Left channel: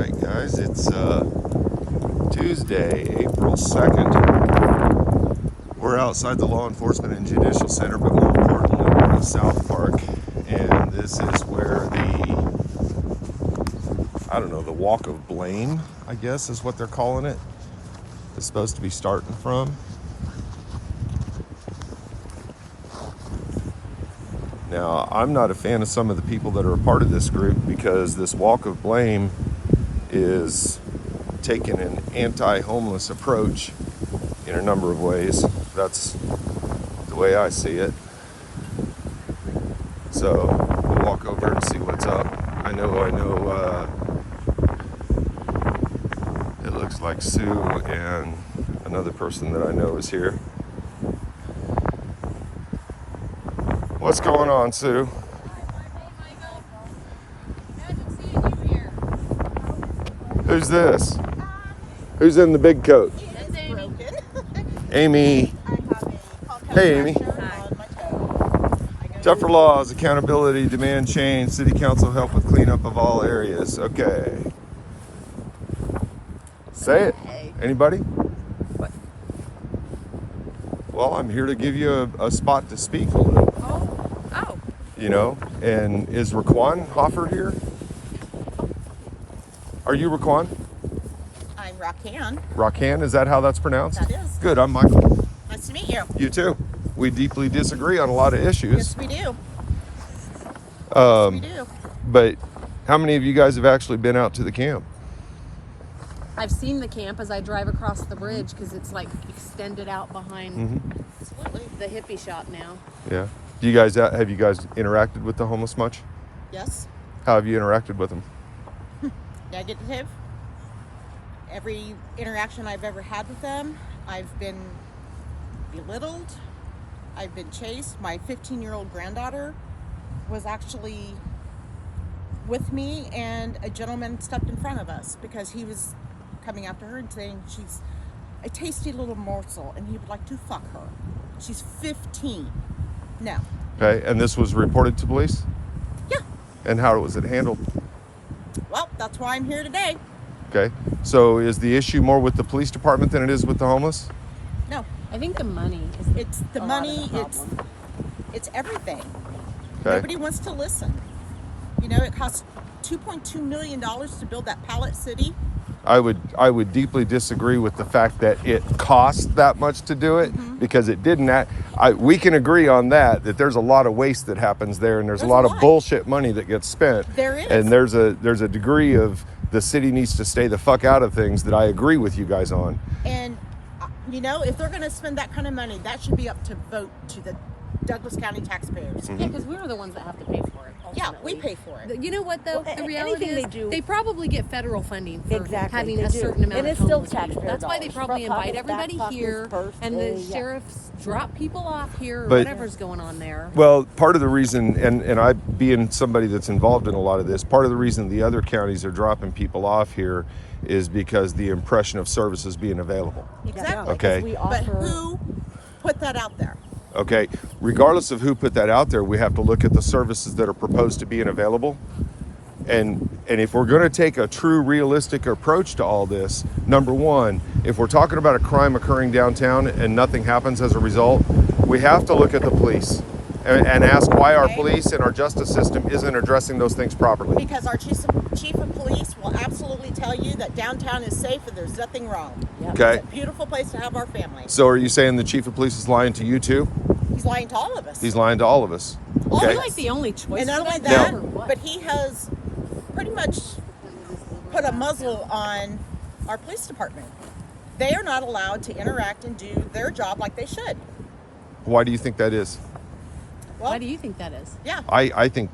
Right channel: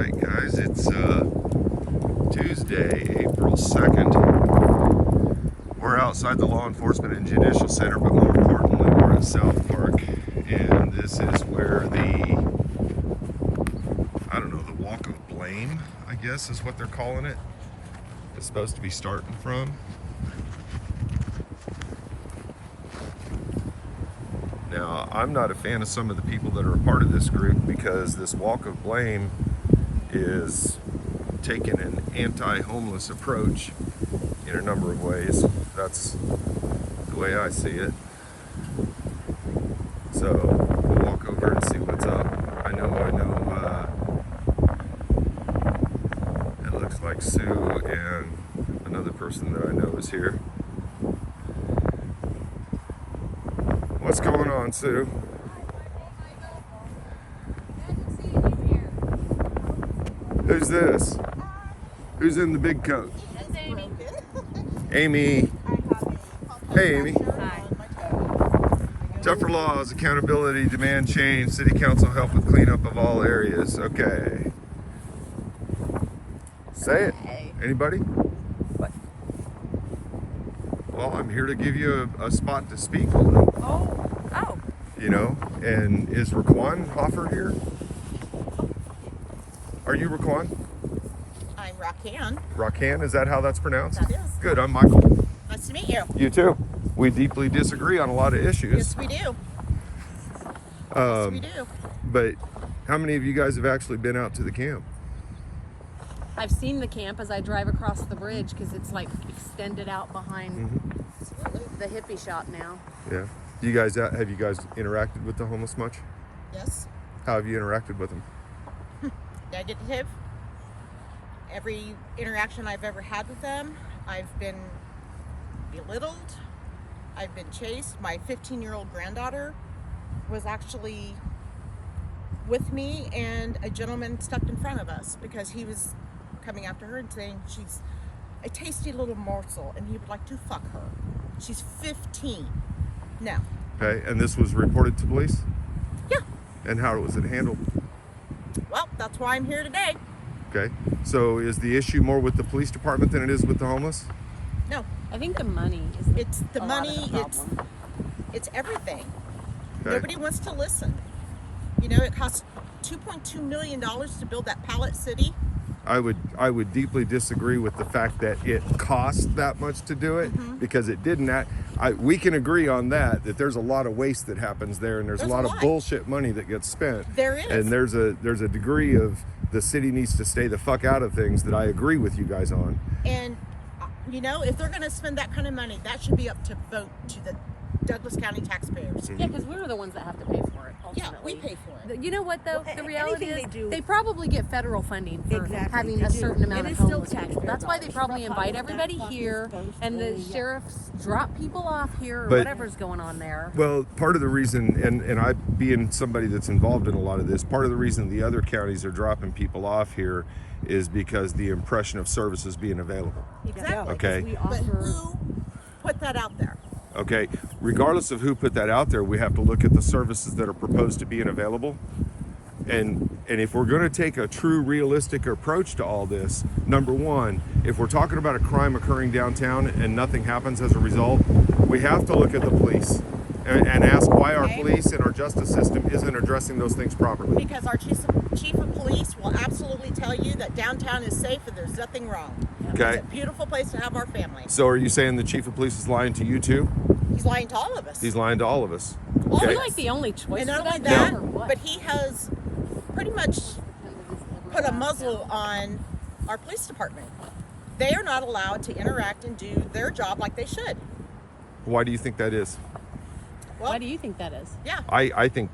Alright guys, it's Tuesday, April 2nd. We're outside the Law Enforcement and Judicial Center, but more importantly, we're in South Park. And this is where the walk of blame, I guess is what they're calling it, is supposed to be starting from. Now, I'm not a fan of some of the people that are a part of this group because this walk of blame is taking an anti-homeless approach in a number of ways. That's the way I see it. So we'll walk over and see what's up. I know, it looks like Sue and another person that I know is here. What's going on, Sue? Who's this? Who's in the big coat? That's Amy. Amy. Hey, Amy. Hi. Tougher laws, accountability, demand change, city council help with cleanup of all areas. Okay. Say it. Anybody? What? Well, I'm here to give you a spot to speak. Oh. You know, and is Raquan Hoffer here? Are you Raquan? I'm Raquan. Raquan, is that how that's pronounced? That is. Good, I'm Michael. Nice to meet you. You too. We deeply disagree on a lot of issues. Yes, we do. Yes, we do. But how many of you guys have actually been out to the camp? I've seen the camp as I drive across the bridge because it's like extended out behind Absolutely. the hippie shop now. Yeah. Do you guys have you guys interacted with the homeless much? Yes. How have you interacted with them? Negative. Every interaction I've ever had with them, I've been belittled. I've been chased. My 15-year-old granddaughter was actually with me, and a gentleman stepped in front of us because he was coming after her and saying she's a tasty little morsel and he would like to fuck her. She's 15. No. Okay, and this was reported to police? Yeah. And how was it handled? Well, that's why I'm here today. Okay, so is the issue more with the police department than it is with the homeless? No. I think the money is It's the a lot money, of the problem. it's everything. Okay. Nobody wants to listen. You know, it costs $2.2 million to build that pallet city. I would deeply disagree with the fact that it cost that much to do it because it didn't. We can agree on that there's a lot of waste that happens there, and there's a lot of bullshit money that gets spent. There is. And there's a degree of the city needs to stay the fuck out of things that I agree with you guys on. And, you know, if they're going to spend that kind of money, that should be up to vote to the Douglas County taxpayers. Yeah, because we're the ones that have to pay for it. Yeah, Ultimately. we pay for it. You know what though? The reality is anything they do- they probably get federal funding for Exactly, having they a do. certain amount And of it's still homeless people. taxpayer That's why they dollars. probably Front invite pockets, everybody back pockets, here, first, and the yeah. sheriffs drop people off here, or But- whatever's going on there. Well, part of the reason, and I being somebody that's involved in a lot of this, part of the reason the other counties are dropping people off here is because the impression of services being available. Exactly. Okay. We But offer- who put that out there? Okay, regardless of who put that out there, we have to look at the services that are proposed to being available. And if we're going to take a true realistic approach to all this, number one, if we're talking about a crime occurring downtown and nothing happens as a result, we have to look at the police and ask why our Okay. police and our justice system isn't addressing those things properly. Because our chief of police will absolutely tell you that downtown is safe and there's nothing wrong. Okay. It's a beautiful place to have our family. So are you saying the chief of police is lying to you too? He's lying to all of us. He's lying to all of us. All Okay. of We're like the only choice. And not for only that, that, or what? but he has pretty much put a muzzle on our police department. They are not allowed to interact and do their job like they should. Why do you think that is? Well, Why do you think that is? yeah. I think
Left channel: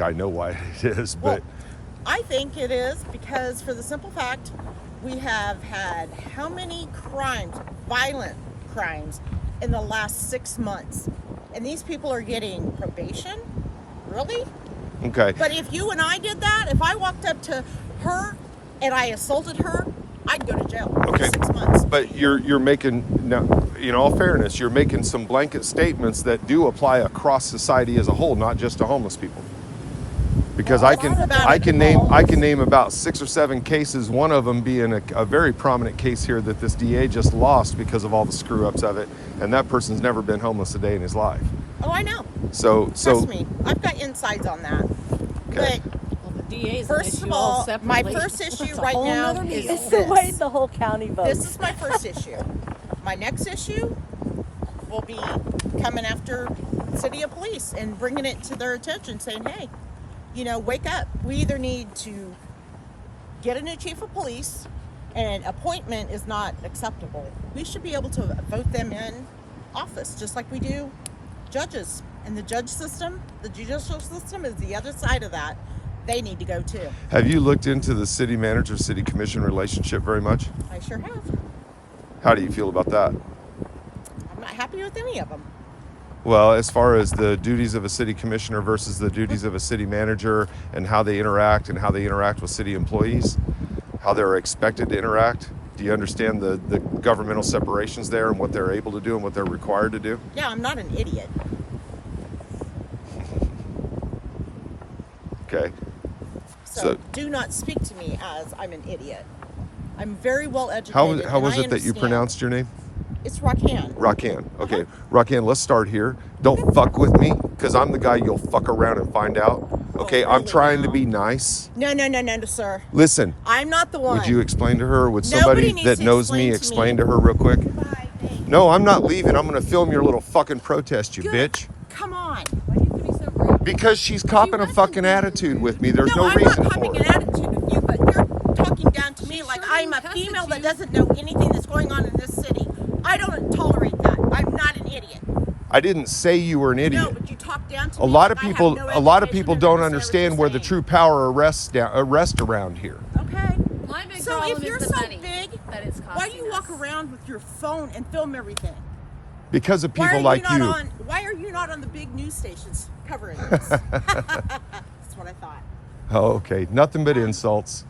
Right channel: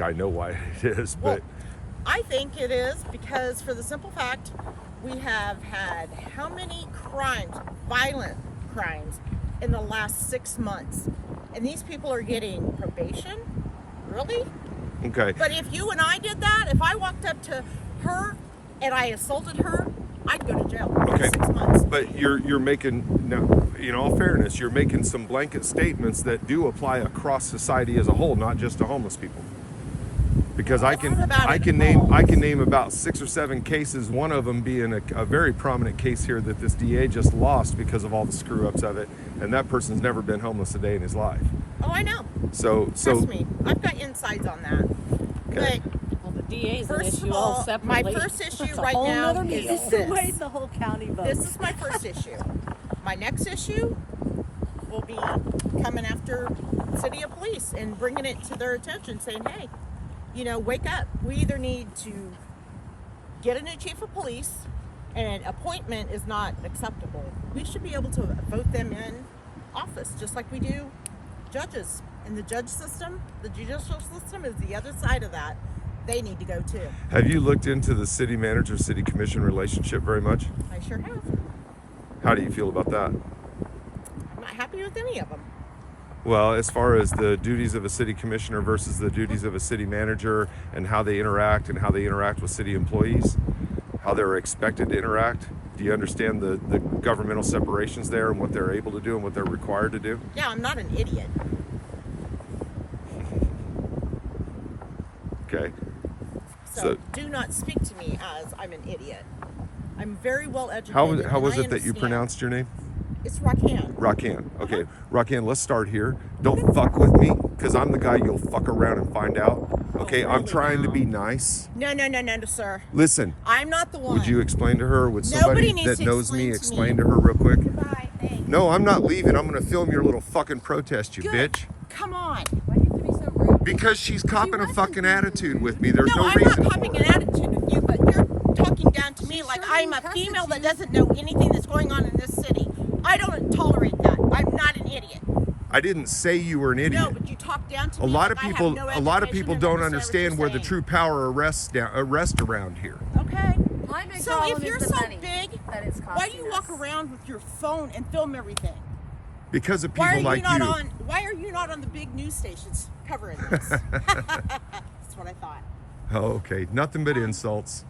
I know why it is, Well, but I think it is because, for the simple fact, we have had how many crimes, violent crimes, in the last 6 months? And these people are getting probation? Really? okay. But if you and I did that, if I walked up to her and I assaulted her, I'd go to jail for Okay. 6 months. But you're making, now, in all fairness, you're making some blanket statements that do apply across society as a whole, not just to homeless people. Because I can name about 6 or 7 cases, one of them being a very prominent case here that this DA just lost because of all the screw ups of it, and that person's never been homeless a day in his life. Oh, I know. So Trust me, I've got insides on that. Okay. But Well, the DA is first an of issue all, my separately. first issue That's a right whole now nother is deal. It's the way this. the whole county votes. This is my first issue. My next issue will be coming after City of Police and bringing it to their attention, saying, hey, you know, wake up. We either need to get a new chief of police, and appointment is not acceptable. We should be able to vote them in office, just like we do judges. And the judge system, the judicial system is the other side of that. They need to go too. Have you looked into the city manager city commission relationship very much? I sure have. How do you feel about that? I'm not happy with any of them. Well, as far as the duties of a city commissioner versus the duties of a city manager and how they interact with city employees, how they're expected to interact, do you understand the governmental separations there and what they're able to do and what they're required to do? Yeah, I'm not an idiot. Okay. So do not speak to me as I'm an idiot. I'm very well educated. How was and I it that you understand. pronounced your name? It's Raquan. Raquan. Okay. Raquan, let's start here. Don't fuck with me, because I'm the guy you'll fuck around and find out. Okay, I'm really trying to now? be nice. No, sir. Listen, I'm not the one. would you explain to her, or would Nobody somebody needs that to knows me explain explain to to me. her real quick? Hi, thanks. No, I'm not leaving. I'm going to film your little fucking protest, you Good. bitch. Come on. Why do you have to be so rude? Because she's copping a wasn't fucking being attitude rude. with me. There's no, I'm reason not for copying it. an attitude with you, but you're talking down to me She like sure I'm a didn't cuss female at that you. doesn't know anything that's going on in this city. I don't tolerate that. I'm not an idiot. I didn't say you were an idiot. No, but you talk down to A me lot like of I have people, no a lot of education people and don't understand understand what where you're the true power arrest around here. saying. Okay. My big So problem if you're is the so money big, that it's why do costing you walk us. around with your phone and film everything? Because of Why people are like you not you. on? Why are you not on the big news stations covering this? That's what I thought. Oh, okay. Nothing but insults.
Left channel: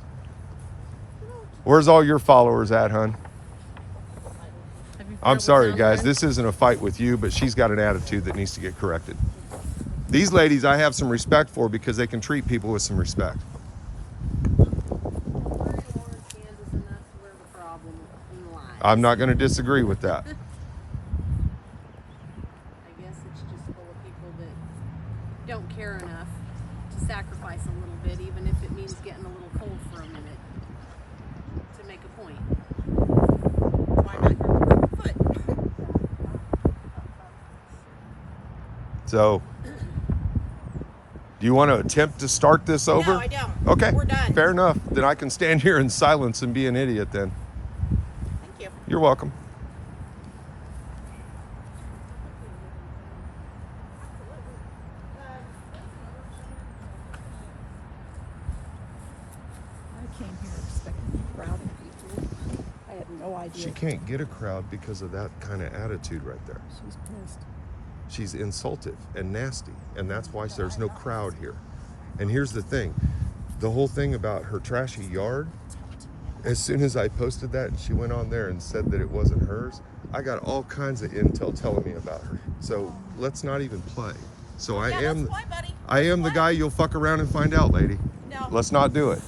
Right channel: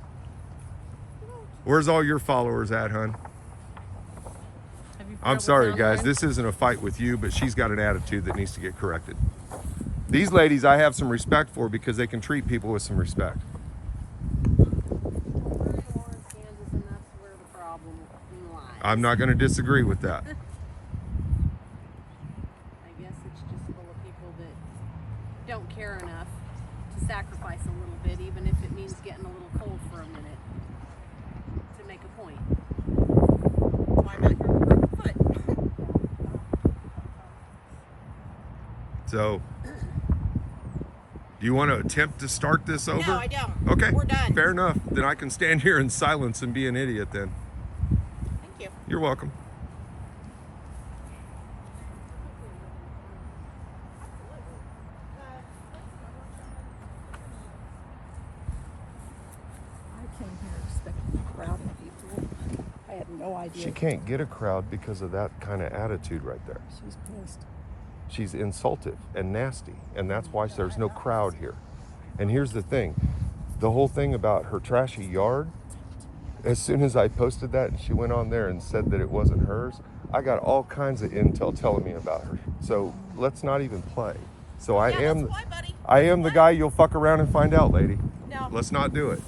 Where's all your followers at, hon? Have you I'm met sorry, with guys. Soundline? This isn't a fight with you, but she's got an attitude that needs to get corrected. These ladies I have some respect for because they can treat people with some respect. Kansas, and that's where the problem lies. I'm not going to disagree with that. I guess it's just full of people that don't care enough to sacrifice a little bit, even if it means getting a little cold for a minute to make a point. Why am I here with a broken foot? So, do you want to attempt to start this over? No, I don't. Okay. We're done. Fair enough. Then I can stand here in silence and be an idiot then. Thank you. You're welcome. I came here expecting a crowd of people. I had no idea. She can't get a crowd because of that kind of attitude right there. She's pissed. She's insultive and nasty, and that's why there's no crowd here. And here's the thing, the whole thing about her trashy yard, as soon as I posted that and she went on there and said that it wasn't hers, I got all kinds of intel telling me about her. So let's not even play. So I Yeah, am that's why, buddy. I am the That's guy you'll fuck around and find out, lady. No. Let's not do it.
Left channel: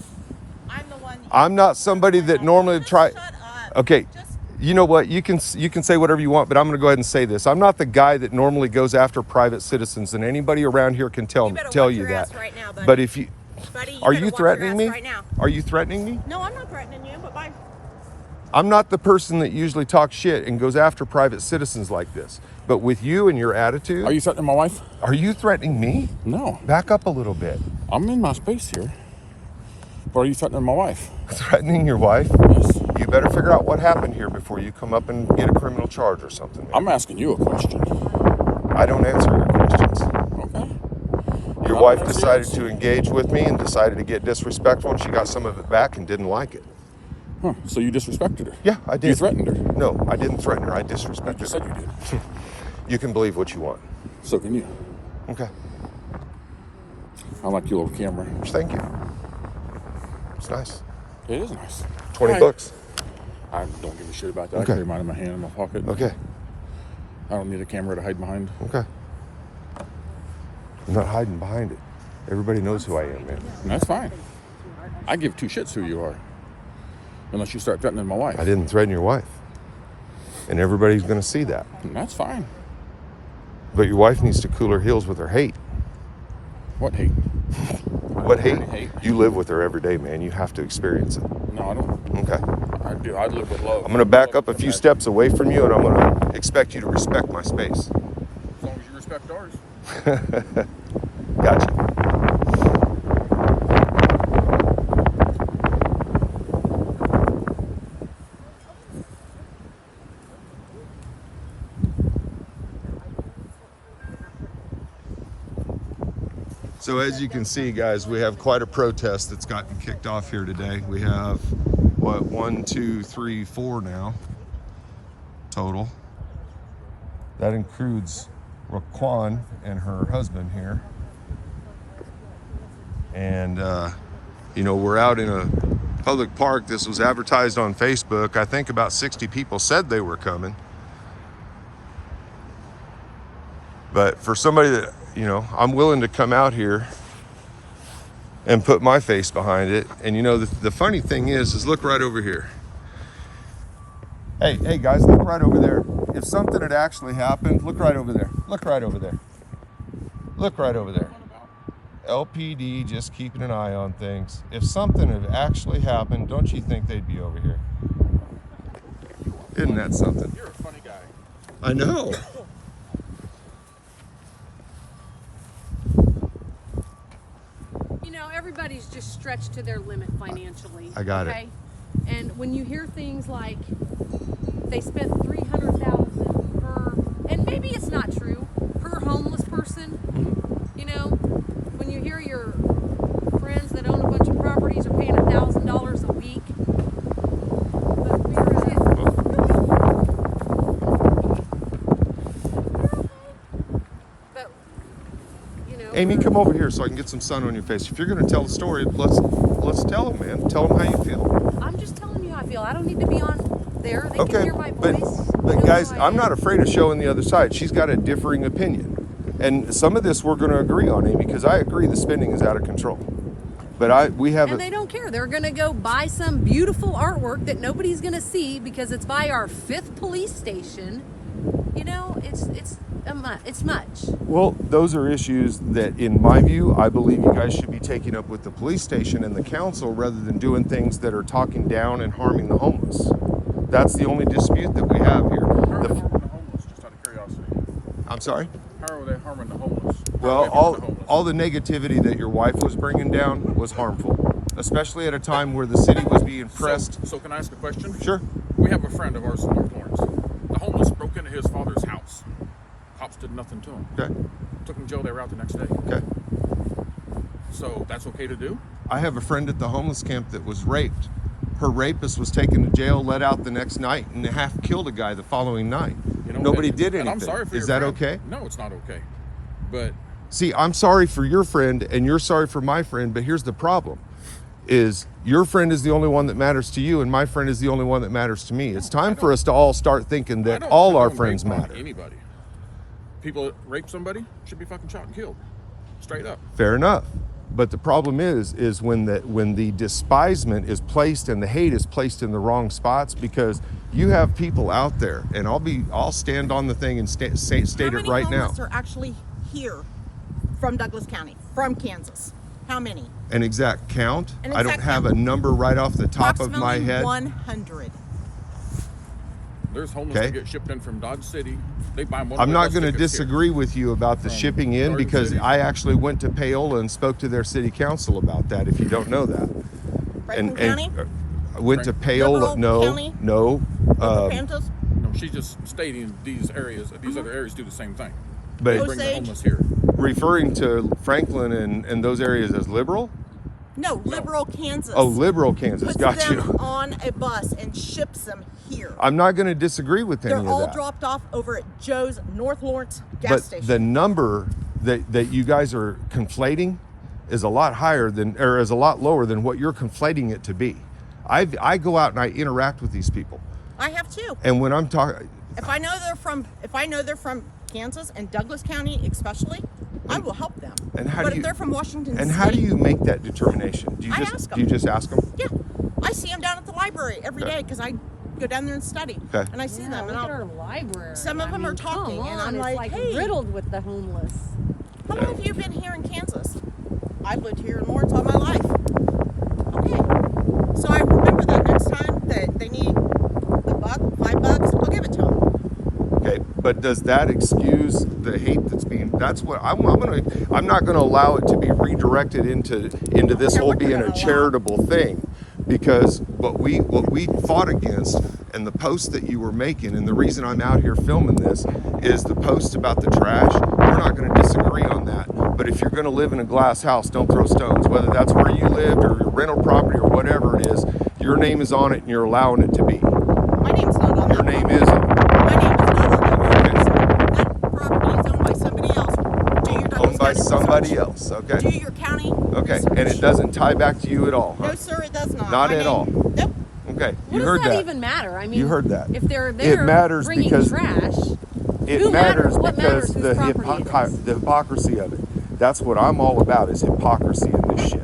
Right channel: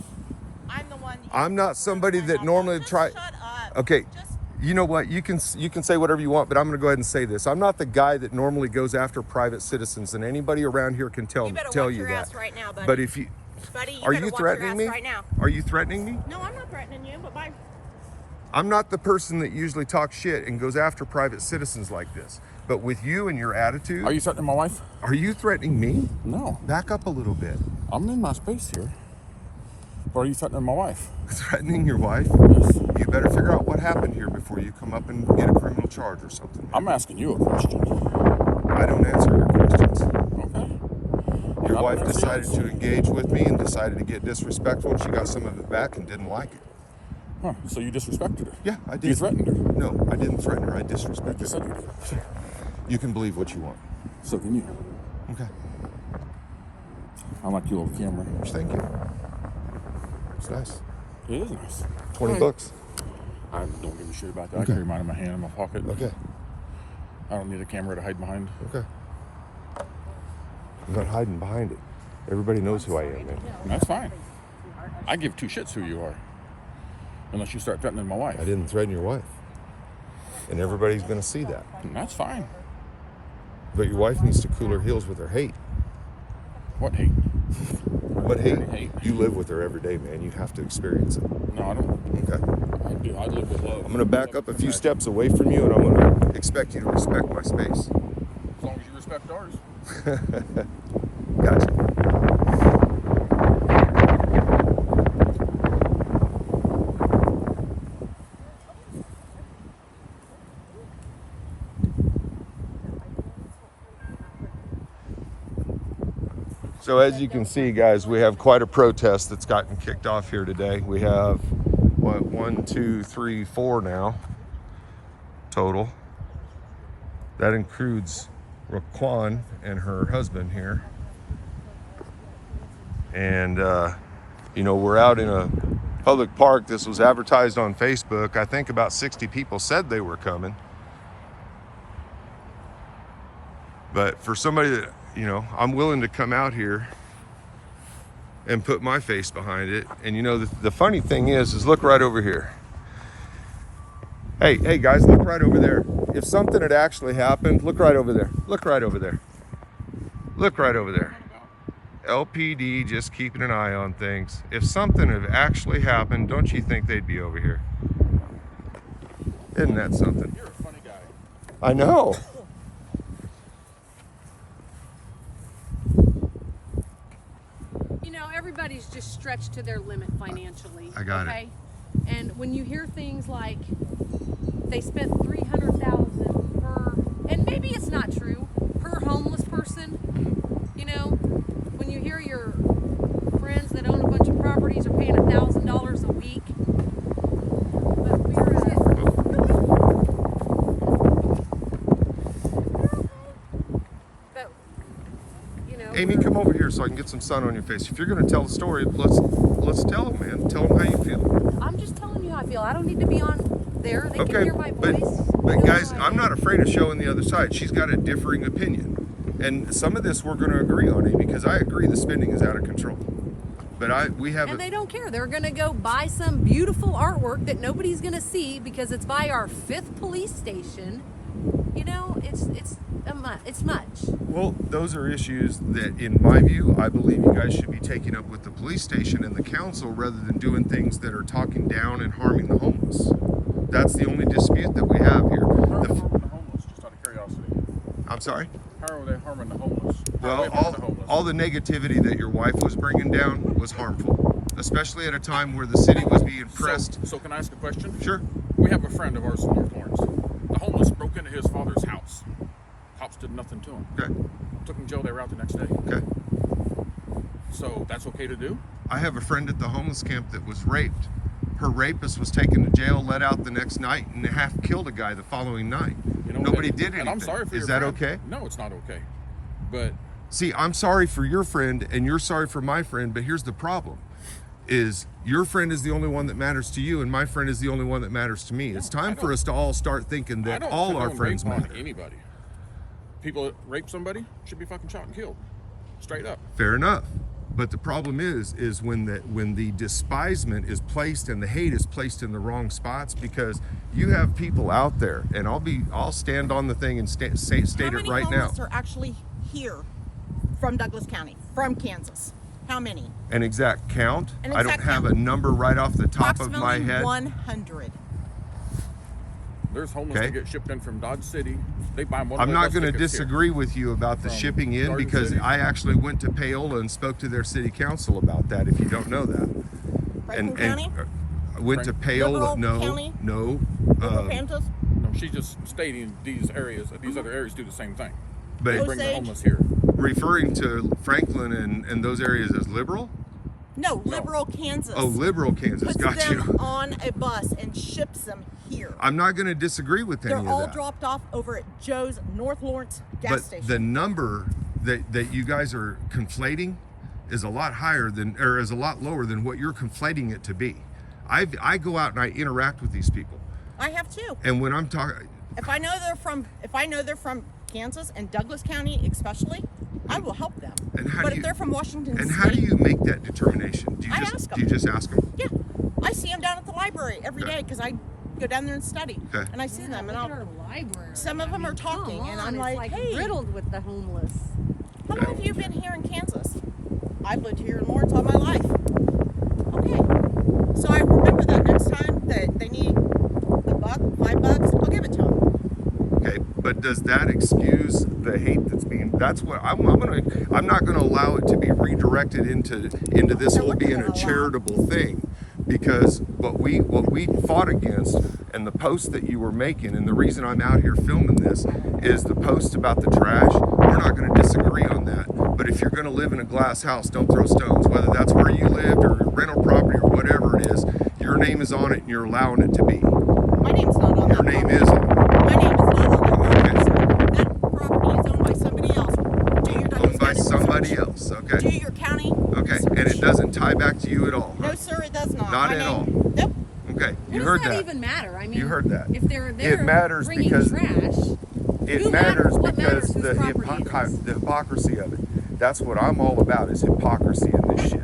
I'm the one. I'm not somebody that normally Just try. Shut up. Okay. Just You know what? You can say whatever you want, but I'm going to go ahead and say this. I'm not the guy that normally goes after private citizens, and anybody around here can tell You better you watch your that. ass right now, buddy. But if you buddy, you are better you watch threatening your ass me? right now. Are you threatening me? No, I'm not threatening you, but bye. I'm not the person that usually talks shit and goes after private citizens like this. But with you and your attitude, Are you threatening my wife? are you threatening me? No. Back up a little bit. I'm in my space here. But are you threatening my wife? Threatening your wife? Yes. You better figure out what happened here before you come up and get a criminal charge or something. I'm asking you a question. I don't answer your questions. Okay. Your I'm wife asking decided you. to engage with me and decided to get disrespectful, and she got some of it back and didn't like it. Huh. So you disrespected her? Yeah, I did. You threatened her? No, I didn't threaten her. I You disrespected just said her. you did. You can believe what you want. So can you. Okay. I like your little camera. Thank you. It's nice. It is nice. 20 Right. bucks. I don't give a shit about that. Okay. I carry mine in my hand in my pocket. Okay. I don't need a camera to hide behind. Okay. I'm not hiding behind it. Everybody knows who I am, man. And that's fine. I give two shits who you are. Unless you start threatening my wife. I didn't threaten your wife. And everybody's going to see that. And that's fine. But your wife needs to cool her heels with her hate. What hate? What hate? You live with her every day, man. You have to experience it. No, I don't. Okay. I do. I live with love. I'm going to back up a few steps away from you, and I'm going to expect you to respect my space. As long as you respect ours. Gotcha. So as you can see, guys, we have quite a protest that's gotten kicked off here today. We have, what, 1, 2, 3, 4 now total. That includes Raquan and her husband here. And, you know, we're out in a public park. This was advertised on Facebook. I think about 60 people said they were coming. But for somebody that, you know, I'm willing to come out here and put my face behind it. And you know, the funny thing is look right over here. Hey guys, look right over there. If something had actually happened, look right over there. Look right over there. Look right over there. LPD just keeping an eye on things. If something had actually happened, don't you think they'd be over here? Isn't that something? You're a funny guy. I know. You know, everybody's just stretched to their limit financially. I got it. Okay? And when you hear things like they spent $300,000 per, and maybe it's not true, per homeless person, you know, when you hear your friends that own a bunch of properties are paying $1,000 a week. But you know, Amy, come over here so I can get some sun on your face. If you're going to tell the story, let's tell them, man. Tell them how you feel. I'm just telling you how I feel. I don't need to be on there. They can hear my but, voice. but know guys, who I I'm am. not afraid of showing the other side. She's got a differing opinion, and some of this we're going to agree on, Amy, because I agree the spending is out of control. But we have. And they don't care. They're going to go buy some beautiful artwork that nobody's going to see because it's by our 5th police station. You know, it's much. Well, those are issues that, in my view, I believe you guys should be taking up with the police station and the council rather than doing things that are talking down and harming the homeless. That's the only dispute that we have here. How are they harming the homeless, just out of curiosity? I'm sorry? How are they harming the homeless? How are Well, they harming the homeless? all the negativity that your wife was bringing down was harmful, especially at a time where the city was being pressed. So can I ask a question? Sure. We have a friend of ours in North Lawrence. The homeless broke into his father's house. Cops did nothing to him. Okay. Took him to jail. They were out the next day. Okay. So that's okay to do? I have a friend at the homeless camp that was raped. Her rapist was taken to jail, let out the next night, and half killed a guy the following night. You know, Nobody and- did anything. And I'm sorry for Is your that friend. okay? No, it's not okay. But See, I'm sorry for your friend, and you're sorry for my friend, but here's the problem. Is your friend is the only one that matters to you, and my friend is the only one that matters to me. It's time for us to all start thinking that all our friends rape on matter. Anybody. People that rape somebody should be fucking shot and killed. Straight up. Fair enough. But the problem is when the despisement is placed and the hate is placed in the wrong spots, because you have people out there, and I'll stand on the thing and state it right now. How many homeless are actually here from Douglas County, from Kansas? How many? An exact count. An I don't exact have count. a number right off the top of my Approximately head. 100. There's homeless Okay. that get shipped in from Dodge City. They buy one. I'm not going to disagree with you about the From shipping in, Garden because City. I actually went to Paola and spoke to their city council about that, if you don't know that. Franklin County? I went to Paola. Liberal County? No. Pantos? No, she's just stating these areas, these other areas do the same thing. But They bring the Osage? homeless here. referring to Franklin and those areas as liberal? No, Liberal Kansas. Oh, liberal Kansas. Puts Got them you. on a bus and ships them here. I'm not going to disagree with any They're of all that. dropped off over at Joe's North Lawrence gas But station. the number that you guys are conflating is a lot higher than, or is a lot lower than what you're conflating it to be. I go out and I interact with these people, I have too. and when I'm talking, If I know they're from Kansas and Douglas County especially, I will help them. And how but do if you- they're from Washington And State, how do you make that determination? Do you I just ask 'em. do you just ask them? yeah, I see them down at the library every Okay. day because I go down there and study, Okay. and I see them, and look at I'll. our library. Some of them are come talking, and on, I'm it's like, hey. riddled with the homeless. How long have you been here in Kansas? I've lived here in Lawrence all my life. Okay. So I remember that next time that they need $1, $5, I'll give it to them. Okay, but does that excuse the hate that's being? That's what I'm not gonna allow it to be redirected into this care whole what they're being a gonna allow. charitable thing, because what we fought against and the post that you were making, and the reason I'm out here filming this is the post about the trash. We're not going to disagree on that, but if you're going to live in a glass house, don't throw stones. Whether that's where you lived or your rental property or whatever it is, your name is on it and you're allowing it to be. My name's not on Your that name property. is on it. My name is not on that property, Okay. sir. That property is owned by somebody else. Do your Douglas Owned by County somebody research. else. Okay. Do your county Okay, research. and it doesn't tie back to you at all, huh? No, sir, it does not. Not My at name- all. Nope. Okay, What you does heard that that. even matter? I mean, You heard that. If they're there matters bringing because- trash, It Who matters matters? What because matters whose property it is? the hypocrisy of it. That's what I'm all about, is hypocrisy in this shit.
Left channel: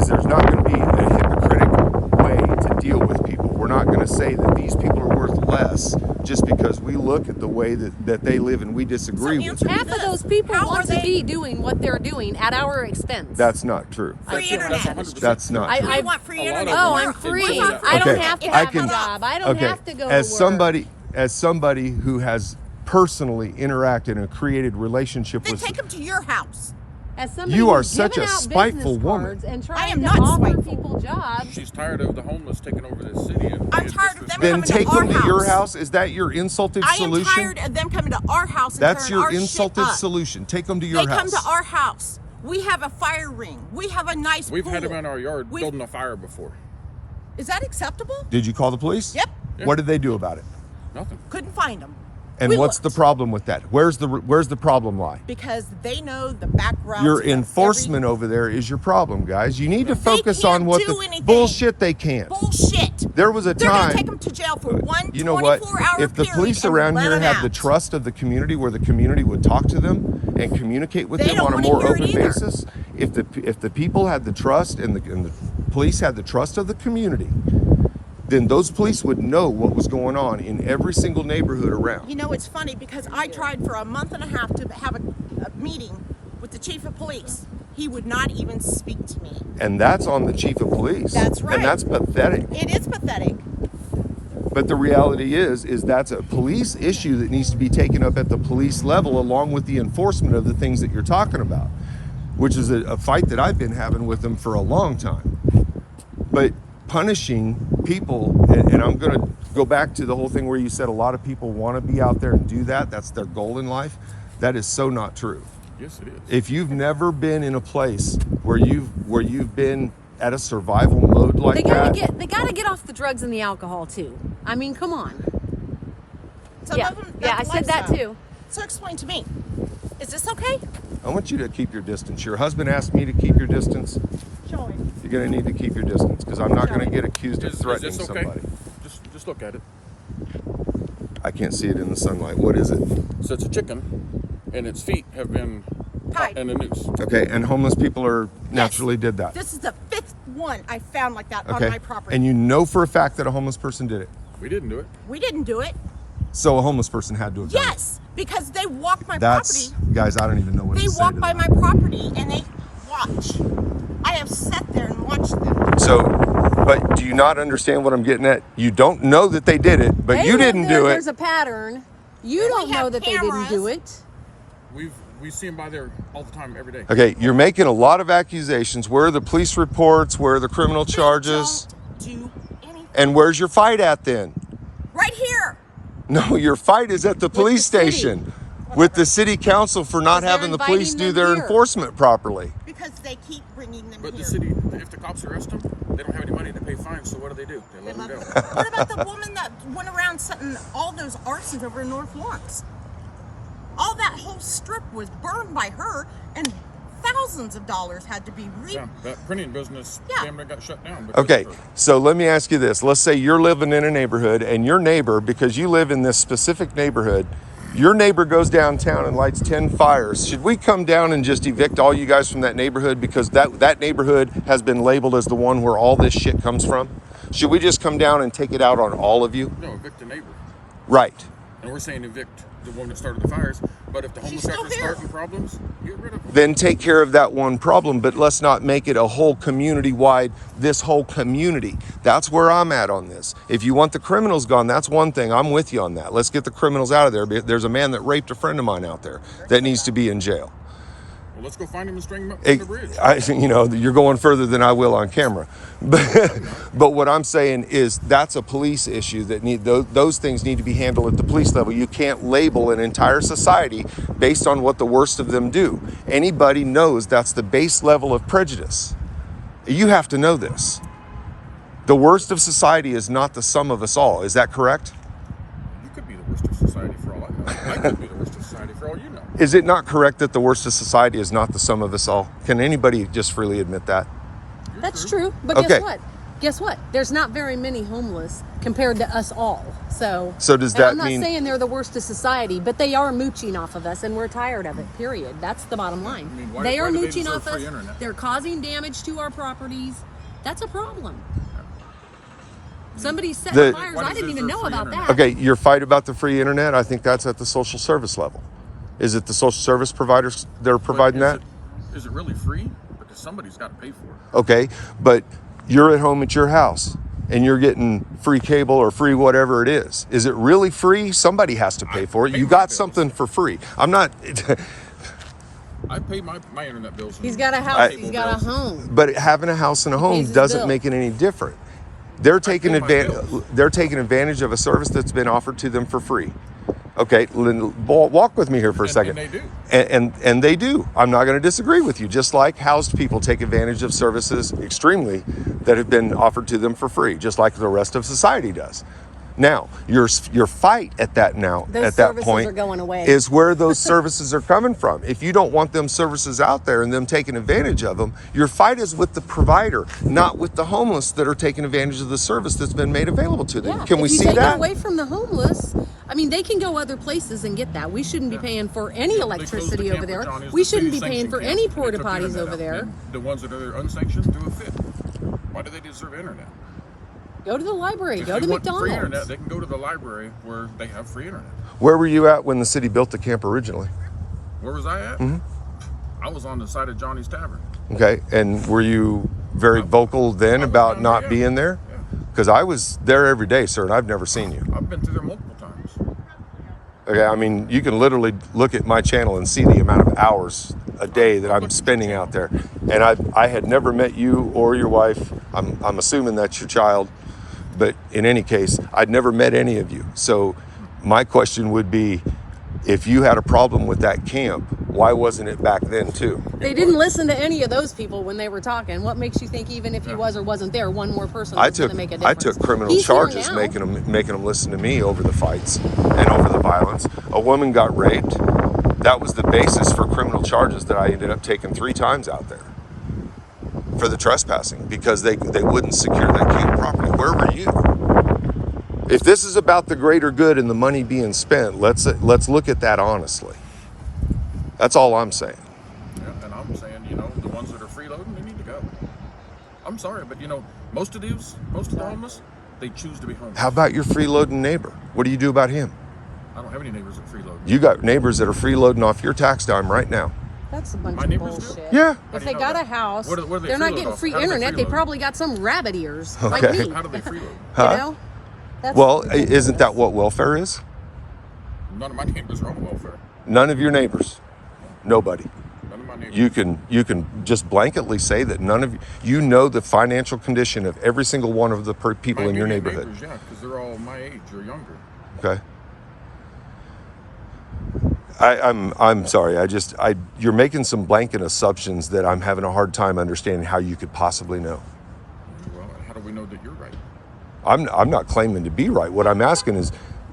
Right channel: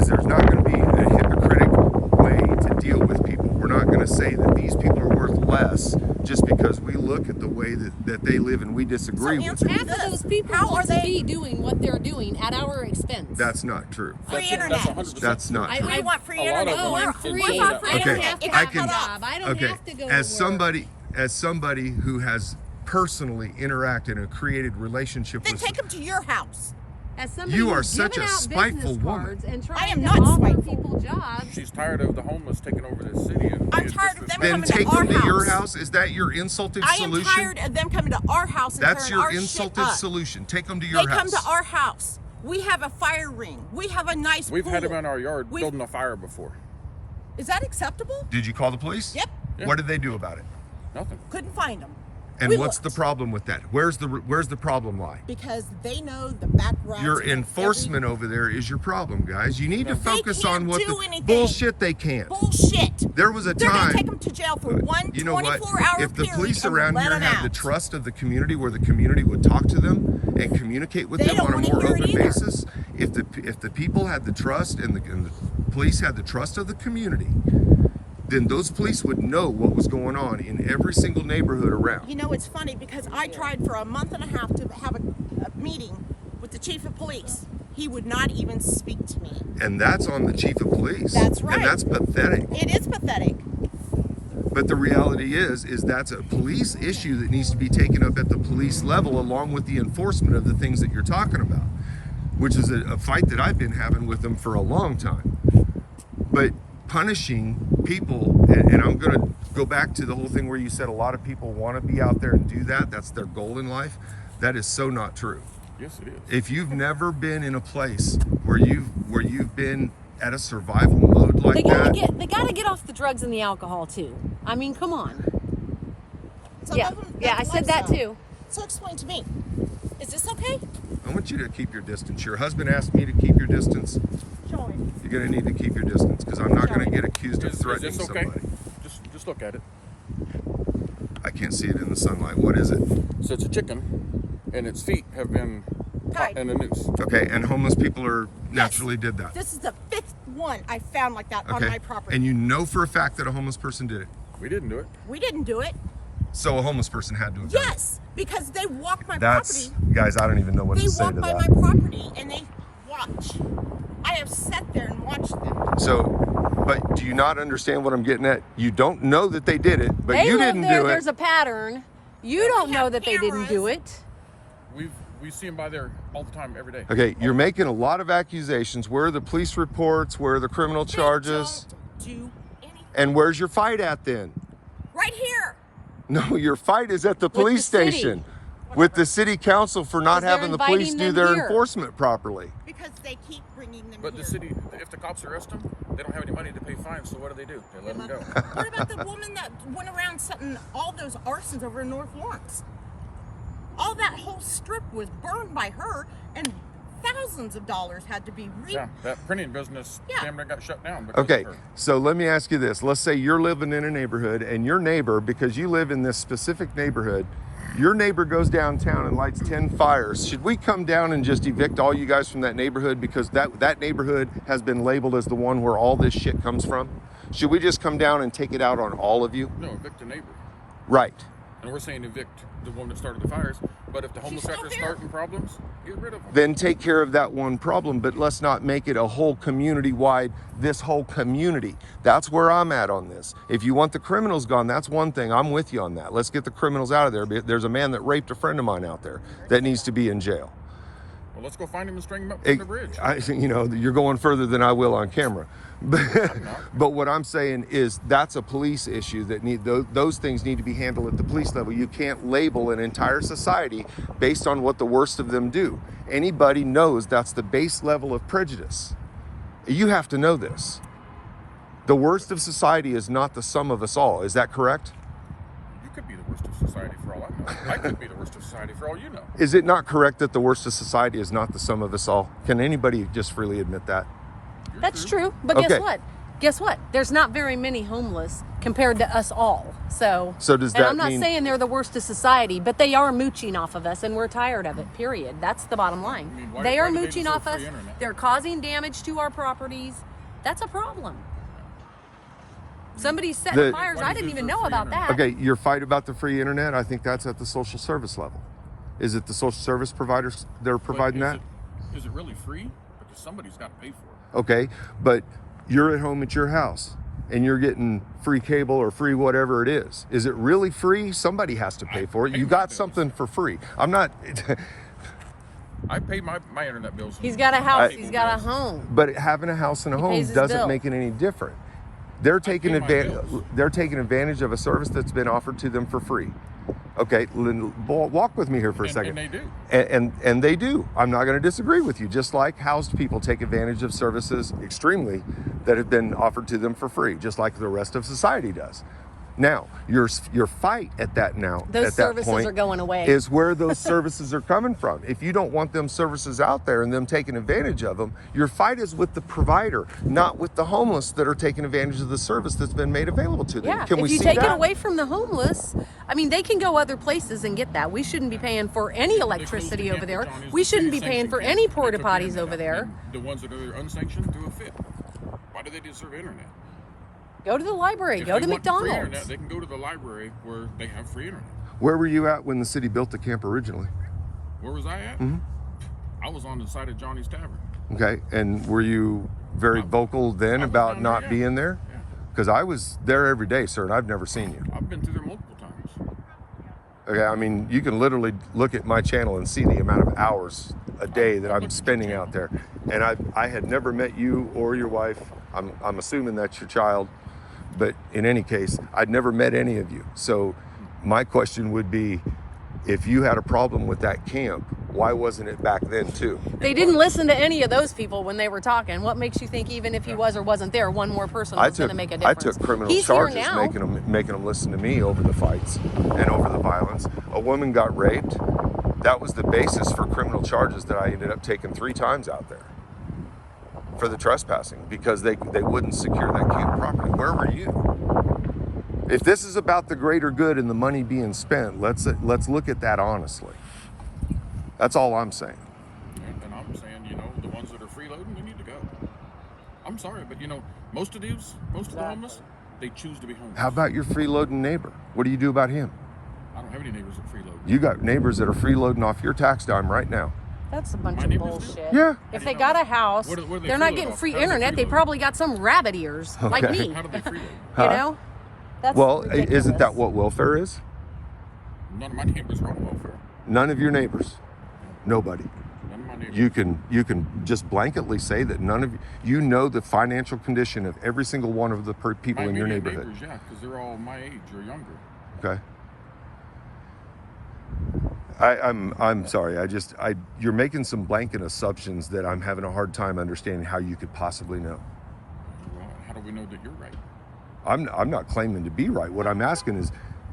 Is there's not going to be a hypocritical way to deal with people. We're not going to say that these people are worth less just because we look at the way that they live and we disagree with answer them. half of those people How want are to they- be doing what they're doing at our expense. That's not true. Free That's internet. 100% That's not I- true. We want free A lot of internet. them Oh, We're- I'm free. we're not I don't Okay, have to I have can- a job. I don't Okay, have to go as to work. somebody who has personally interacted and created relationship Then with take them to your house. As somebody You are who's such giving a out spiteful business woman. cards and I trying am to not offer spiteful. people jobs. She's tired of the homeless taking over this city. And I'm being tired of them then coming to take our them to your house. house. Is that your insulted I am solution? tired of them coming to our house and That's tearing your our insulted shit up. solution. Take them to your They house. come to our house. We have a fire ring. We have a nice We've pool. had them in our yard We've- building a fire before. Is that acceptable? Did you call the police? Yep. Yeah. What did they do about it? Nothing. Couldn't find them. And We what's the looked. problem with that? Where's the problem lie? Because they know the back routes. Your of enforcement over there is your problem, guys. You need to They focus can't on what do the anything. bullshit they can't. Bullshit. There was a They're time. gonna take them to jail for one You know what? 24-hour If the period police and around let here them had the out. trust of the community, where the community would talk to them and communicate with They them don't on a wanna more hear it open either. basis, if the people had the trust and the police had the trust of the community, then those police would know what was going on in every single neighborhood around. You know, it's funny because I tried for a month and a half to have a meeting with the chief of police. He would not even speak to me. And that's on the chief of police. That's right. And that's pathetic. It is pathetic. But the reality is that's a police issue that needs to be taken up at the police level, along with the enforcement of the things that you're talking about, which is a fight that I've been having with them for a long time. But punishing people, and I'm going to go back to the whole thing where you said a lot of people want to be out there and do that. That's their goal in life. That is so not true. Yes, it is. If you've never been in a place where you've been at a survival mode like They that, gotta get off the drugs and the alcohol too. I mean, come on. Some Yeah. of them, Yeah, that's I said that lifestyle. too. So explain to me, is this okay? I want you to keep your distance. Your husband asked me to keep your distance. Joey. You're going to need to keep your distance, because I'm not going to get accused of Is threatening this okay? somebody. Just look at it. I can't see it in the sunlight. What is it? So it's a chicken, and its feet have been Tied. in a noose. Okay, and homeless people are naturally did that. This is the 5th one I found like that on Okay, my property. and you know for a fact that a homeless person did it. We didn't do it. We didn't do it. So a homeless person had to have done it. Yes, because they walked my That's, property. guys, I don't even know what They to say walk to by that. my property and they watch. I have sat there and watched them. So, but do you not understand what I'm getting at? You don't know that they did it, but They you know didn't do it. There's a pattern. You don't We know have that they didn't do cameras. it. We see them by there all the time, every day. Okay, you're making a lot of accusations. Where are the police reports? Where are the criminal charges? They don't do anything. And where's your fight at then? Right here. No, your fight is at the police the city. station with the city council for not Because they're having the police inviting do them their here. enforcement properly. Because they keep bringing them But here. the city, if the cops arrest them, they don't have any money to pay fines. So what do? They let them go. What about the woman that went around setting all those arsons over in North Lawrence? All that whole strip was burned by her, and thousands of dollars had to be Yeah, that printing business Yeah. damn near got shut down. because Okay, of her. so let me ask you this. Let's say you're living in a neighborhood and your neighbor, because you live in this specific neighborhood, Your neighbor goes downtown and lights 10 fires. Should we come down and just evict all you guys from that neighborhood because that neighborhood has been labeled as the one where all this shit comes from? Should we just come down and take it out on all of you? No, evict the neighbor. Right. And we're saying evict the one that started the fires. But if the homeless still after here. starting problems, get rid of them. Then take care of that one problem, but let's not make it a whole community-wide, this whole community. That's where I'm at on this. If you want the criminals gone, that's one thing. I'm with you on that. Let's get the criminals out of there. There's a man that raped a friend of mine out there that needs to be in jail. Well, let's go find him and string him up from the bridge. You're going further than I will on camera. But what I'm saying is that's a police issue that those things need to be handled at the police level. You can't label an entire society based on what the worst of them do. Anybody knows that's the base level of prejudice. You have to know this. The worst of society is not the sum of us all. Is that correct? You could be the worst of society for all I know. I could be the worst of society for all you know. Is it not correct that the worst of society is not the sum of us all? Can anybody just freely admit that? That's true. But Okay. guess what? Guess what? There's not very many homeless compared to us all. So does that I'm not mean saying they're the worst of society, but they are mooching off of us and we're tired of it, period. That's the bottom line. I mean, why they are do they mooching deserve off us. free internet? They're causing damage to our properties. That's a problem. Somebody set fires. Why I does didn't it even deserve know free about internet? that. Okay, your fight about the free internet, I think that's at the social service level. Is it the social service providers that are providing that? Is it really free? Because somebody's got to pay for it. Okay, but you're at home at your house and you're getting free cable or free whatever it is. Is it really free? Somebody has to pay for it. pay You my got bills. something for free. I'm not, I pay my internet bills. He's and got a house. cable He's got a bills. home. but having a house and a home pays his doesn't bill. make it any different. They're taking pay my advantage. bills. They're taking advantage of a service that's been offered to them for free. Okay, walk with me here for a second. And they do. And they do. I'm not going to disagree with you. Just like housed people take advantage of services extremely that have been offered to them for free, just like the rest of society does. Now, your fight at that Those that services point are going away. is where those services are coming from. If you don't want them services out there and them taking advantage of them, your fight is with the provider, not with the homeless that are taking advantage of the service that's been made available to them. Yeah, Can we if you see take that? it away from the homeless, I mean, they can go other places and get that. We shouldn't be paying for any They closed electricity the over camp there. at Johnny's, We the shouldn't be city paying for sanctioned any camp, and porta they took the potties internet over out. there. And the ones that are unsanctioned do a fit. Why do they deserve internet? Go to the library. If Go they to want McDonald's. free internet, they can go to the library where they have free internet. Where were you at when the city built the camp originally? Where was I at? Mm-hmm. I was on the side of Johnny's Tavern. Okay, and were you very vocal then I was about down not there, yeah. being there? Yeah. Because I was there every day, sir, and I've never seen you. I've been through there multiple times. Okay, I mean, you can literally look at my channel and see the amount of hours a day that I'm spending out there. And I had never met you or your wife. I'm assuming that's your child. But in any case, I'd never met any of you. So my question would be, if you had a problem with that camp, why wasn't it back then too? They didn't listen to any of those people when they were talking. What makes you think even if he was or wasn't there, one more person was going to make a difference? I took criminal He's here charges now. making them listen to me over the fights and over the violence. A woman got raped. That was the basis for criminal charges that I ended up taking 3 times out there for the trespassing because they wouldn't secure that camp property. Where were you? If this is about the greater good and the money being spent, let's look at that honestly. That's all I'm saying. Yeah, and I'm saying, the ones that are freeloading, they need to go. I'm sorry, but most of the homeless, they choose to be homeless. How about your freeloading neighbor? What do you do about him? I don't have any neighbors that freeload. You got neighbors that are freeloading off your tax dime right now. That's a bunch My of neighbors do? bullshit. Yeah. How If do they you know got that? a house, What do they they're not freeload getting off? free How do they internet. They freeload? probably got some rabbit ears Okay. like me. How do they freeload? Huh? You know? That's Well, ridiculous. isn't that what welfare is? None of my neighbors are on welfare. None of your neighbors. Nobody. None of my neighbors. You can just blanketly say that none of you know the financial condition of every single one of the people My in your immediate neighborhood. neighbors, yeah, because they're all my age or younger. Okay. I'm sorry. You're making some blanket assumptions that I'm having a hard time understanding how you could possibly know. Well, how do we know that you're right? I'm not claiming to be right. What I'm asking is,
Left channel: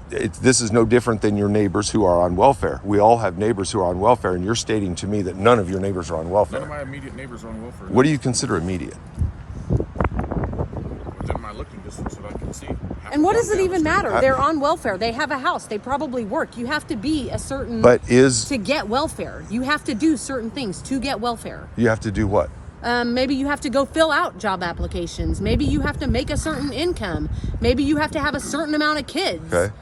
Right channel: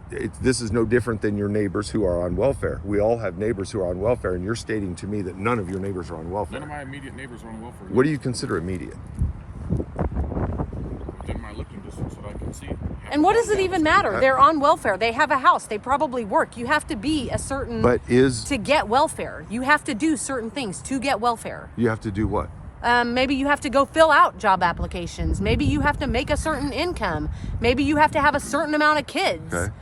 this is no different than your neighbors who are on welfare. We all have neighbors who are on welfare, and you're stating to me that none of your neighbors are on None welfare. of my immediate neighbors are on welfare. What do you consider immediate? What within my looking distance that I can see. And what does it even matter? I- They're on welfare. They have a house. They probably work. You have to be a certain But to get welfare. You have to do certain things to get welfare. you have to do what? Maybe you have to go fill out job applications. Maybe you have to make a certain income. Maybe you have to have a certain amount of kids. Okay.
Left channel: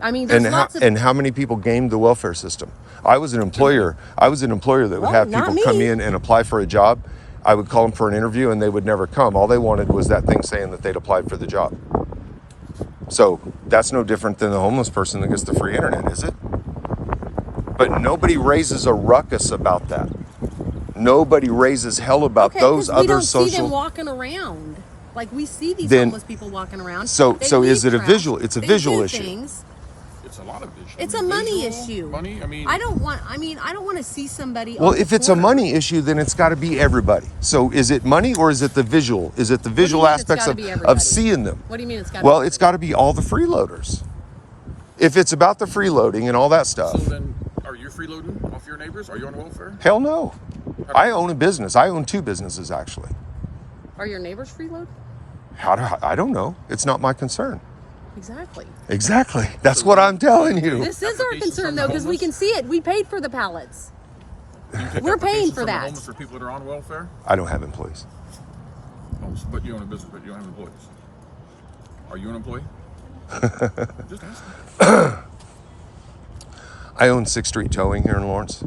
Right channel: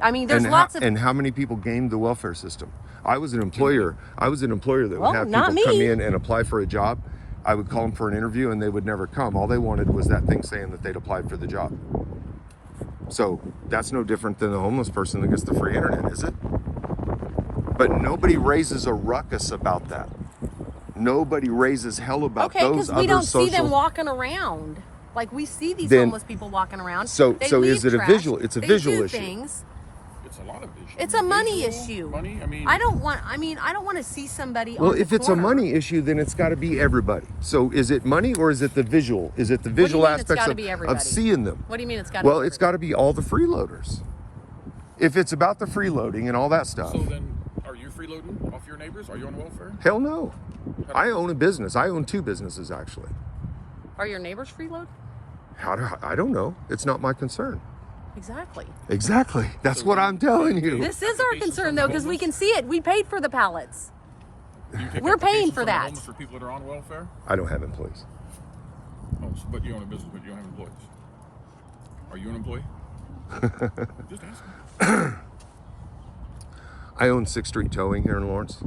I mean, there's lots of. And how many people gamed the welfare system? I was an employer that would Well, have not people come me. in and apply for a job. I would call them for an interview and they would never come. All they wanted was that thing saying that they'd applied for the job. So that's no different than the homeless person that gets the free internet, is it? But nobody raises a ruckus about that. Nobody raises hell about Okay, those 'cause we other don't see them social. walking around. Like we see these Then- homeless people walking around. So- They so is leave it a trash. visual- it's a They visual do issue. things. It's a lot of issues. It's a money Visual, issue. Money. I mean, I don't want to see somebody. Well, on the if it's a corner. money issue, then it's got to be everybody. So is it money or is it the visual? Is it the visual mean it's aspects gotta of, be everybody? seeing them? What do you mean it's got? Well, it's got to be all the freeloaders. If it's about the freeloading and all that stuff, so then, are you freeloading off your neighbors? Are you on welfare? hell no. I own a business. I own 2 businesses actually. Are your neighbors freeload? I don't know. It's not my concern. Exactly. Exactly. That's what I'm telling you. This is our Applications concern from the though, because we homeless? can see it. We paid for the pallets. Do you take We're paying applications for from the that. homeless for people that are on welfare? I don't have employees. Oh, but you own a business, but you don't have employees. Are you an employee? Just asking. I own 6th Street Towing here in Lawrence.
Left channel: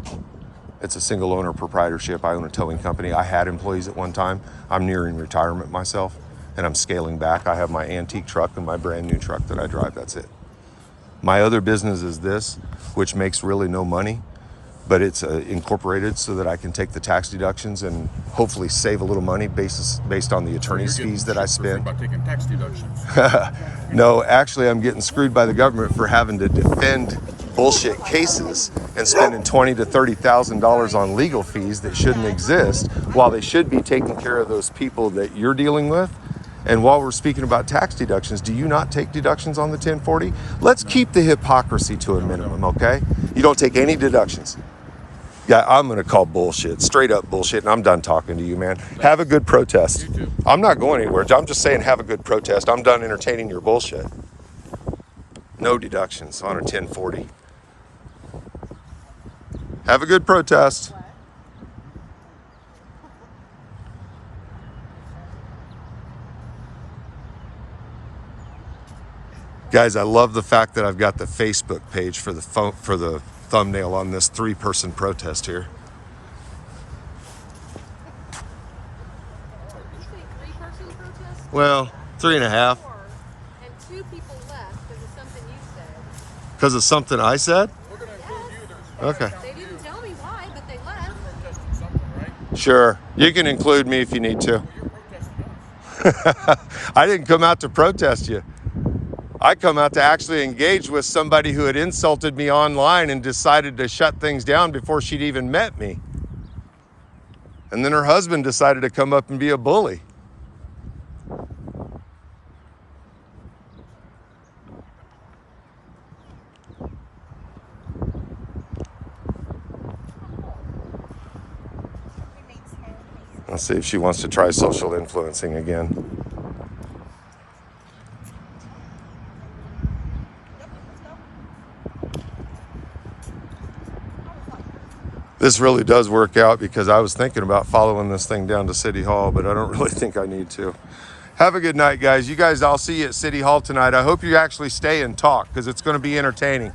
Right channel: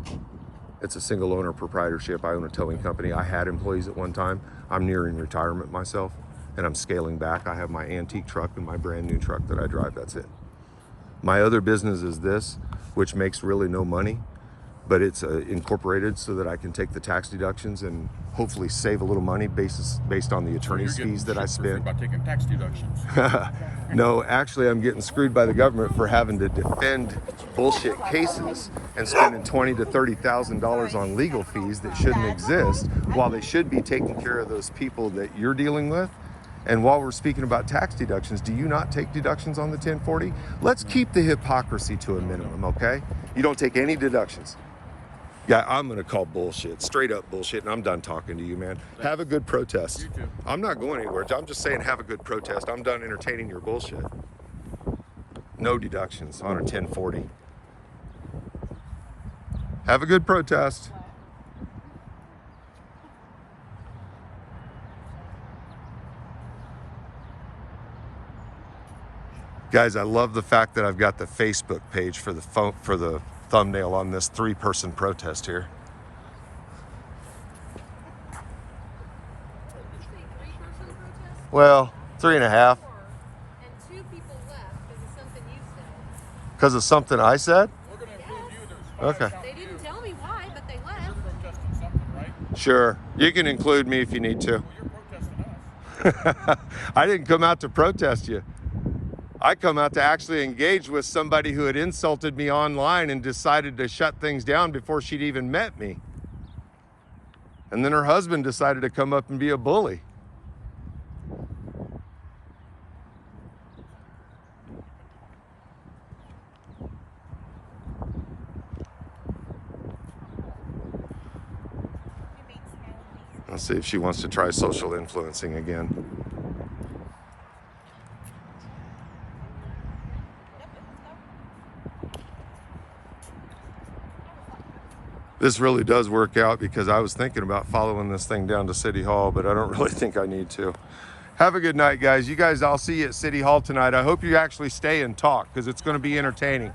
It's a single owner proprietorship. I own a towing company. I had employees at one time. I'm nearing retirement myself and I'm scaling back. I have my antique truck and my brand new truck that I drive. That's it. My other business is this, which makes really no money, but it's incorporated so that I can take the tax deductions and hopefully save a little money based on the attorney's You're getting fees that I shit for free spend. by taking tax deductions. No, actually, I'm getting screwed by the government for having to defend bullshit cases and spending $20,000 to $30,000 on legal fees that shouldn't exist, while they should be taking care of those people that you're dealing with. And while we're speaking about tax deductions, do you not take deductions on the 1040? Let's keep the hypocrisy to a minimum, okay? You don't take any deductions. Yeah, I'm gonna call bullshit, straight up bullshit, and I'm done talking to you, man. Have a good protest. You too. I'm not going anywhere. I'm just saying have a good protest. I'm done entertaining your bullshit. No deductions on a 1040. Have a good protest. Guys, I love the fact that I've got the Facebook page for the thumbnail on this 3-person protest here. Well, 3.5. And 2 people left because of something you said. Because of something I said? We're going to include you. There's Okay. They didn't tell me why, but they left. You're protesting something, right? Sure. You can include me if you need to. Well, you're protesting us. I didn't come out to protest you. I come out to actually engage with somebody who had insulted me online and decided to shut things down before she'd even met me. And then her husband decided to come up and be a bully. Let's see if she wants to try social influencing again. This really does work out because I was thinking about following this thing down to City Hall, but I don't really think I need to. Have a good night, guys. You guys, I'll see you at City Hall tonight. I hope you actually stay and talk because it's going to be entertaining.